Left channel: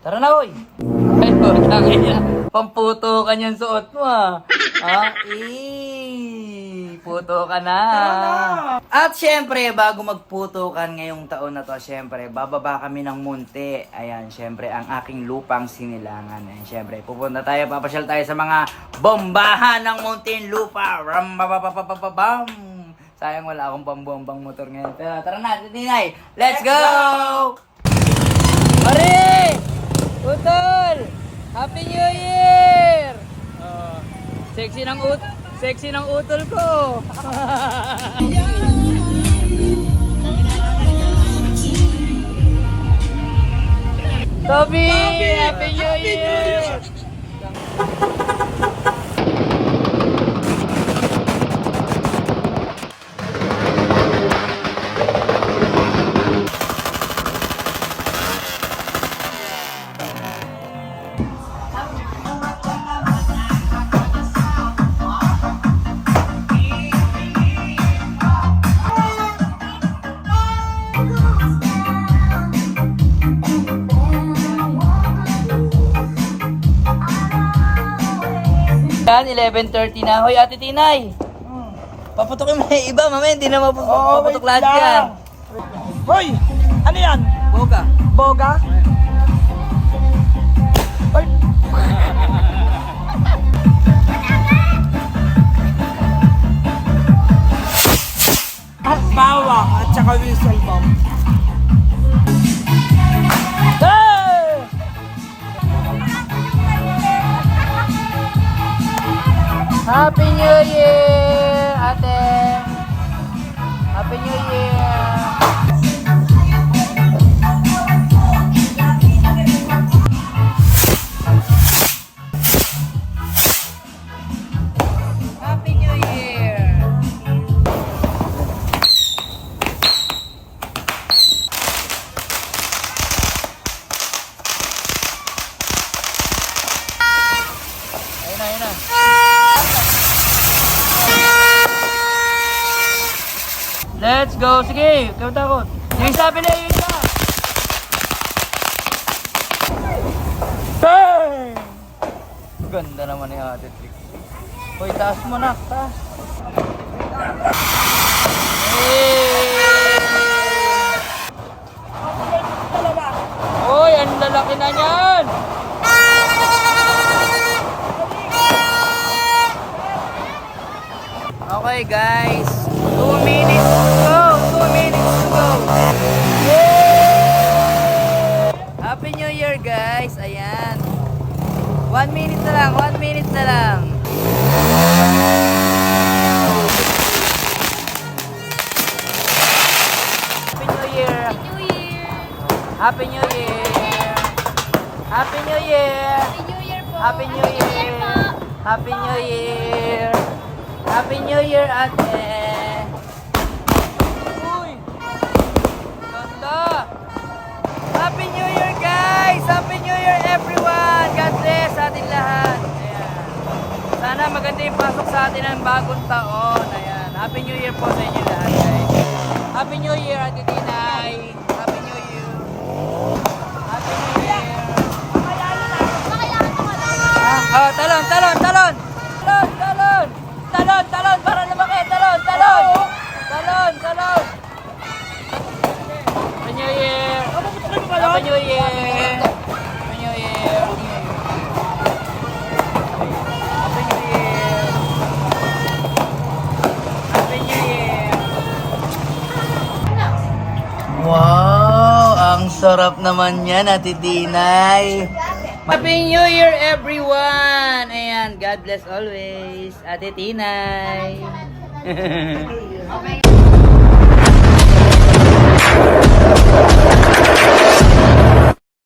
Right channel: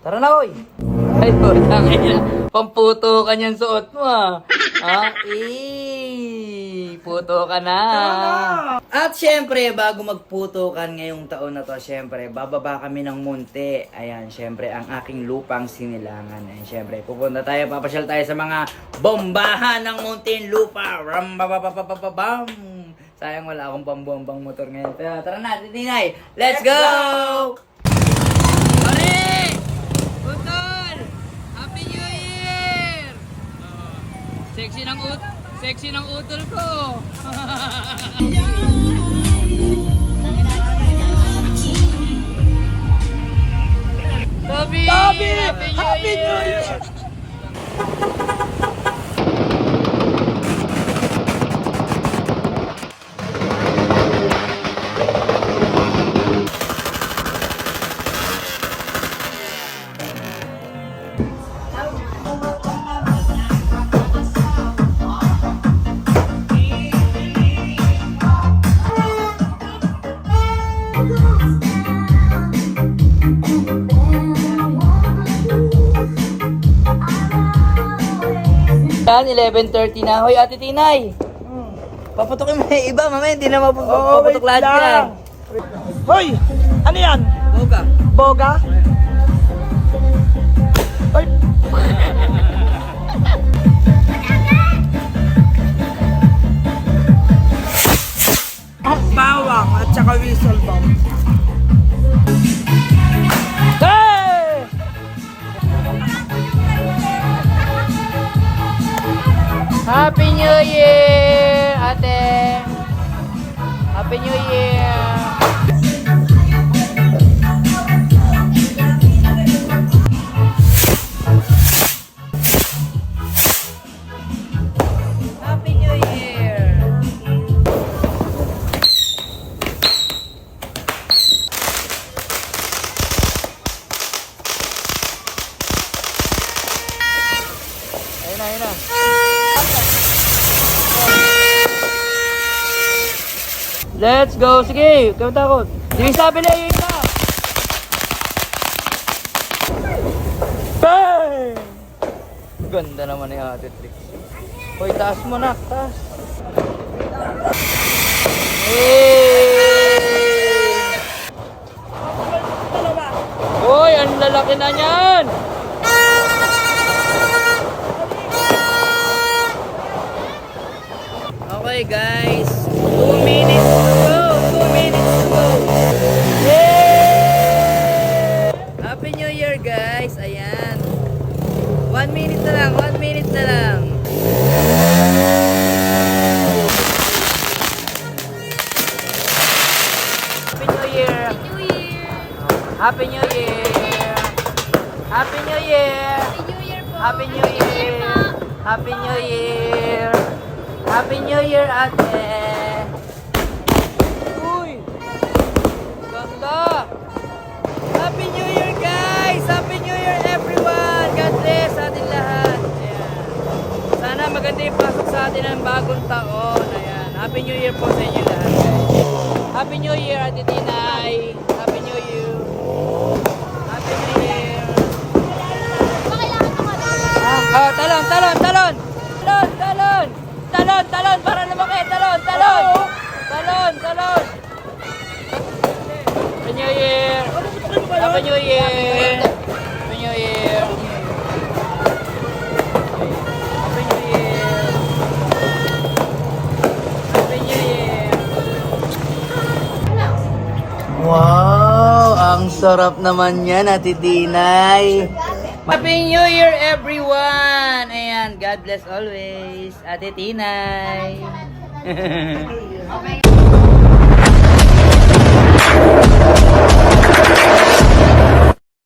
Tara na, oy. Ay, putang ina. Pamputo ka niyang suot mo, ha? Puto ka na. At syempre, bago magputukan ngayong taon na to, syempre, bababa kami ng munti. Ayan, syempre, ang aking lupang sinilangan. Ayan, syempre, pupunta tayo, papasyal tayo sa mga bombahan ng Muntinlupa. Rambababababam. Sayang wala akong pambombang motor ngayon. Pero tara na, Tinay. Let's go! Pare! Utol! Happy New Year! Sexy ng utol ko. Toby! Happy New Year! Yan, 11:30 na. Hoy, Ate Tinay. Paputok mo yung iba, mamaya hindi na mapuputok lahat yan. Hoy! Ano yan? Boga. Boga? Ay! Bawang at saka whistle bomb. Hey! Happy New Year, ate. Happy New Year. Happy New Year. Ayun na. Let's go! Sige! Huwag kang takot! Sige, sabi na yun! Bang! Ganda naman yung ate Trix. Hoy, taas mo na! Taas! Hoy! Ang lalaki na niyan! Okay guys, 2 minutes to go. 2 minutes to go. Yay! Happy New Year guys. Ayan. 1 minute na lang. 1 minute na lang. Happy New Year. Happy New Year. Happy New Year. Happy New Year. Happy New Year. Happy New Year, ate! Uy! Ganda! Happy New Year, guys! Happy New Year, everyone! God bless sa atin lahat! Ayan. Sana maganda yung pasok sa atin ng bagong taon. Ayan. Happy New Year po sa inyo lahat, guys. Happy New Year, Ate Tinay! Happy New Year! Happy New Year! Oh, talon! Talon! Talon! Para lumaki! Talon! Happy New Year! Happy New Year! Happy New Year! Happy New Year! Happy New Year! Wow! Ang sarap naman yan, Ate Tinay! Happy New Year, everyone! Ayan, God bless always. Ate Tinay. Okay.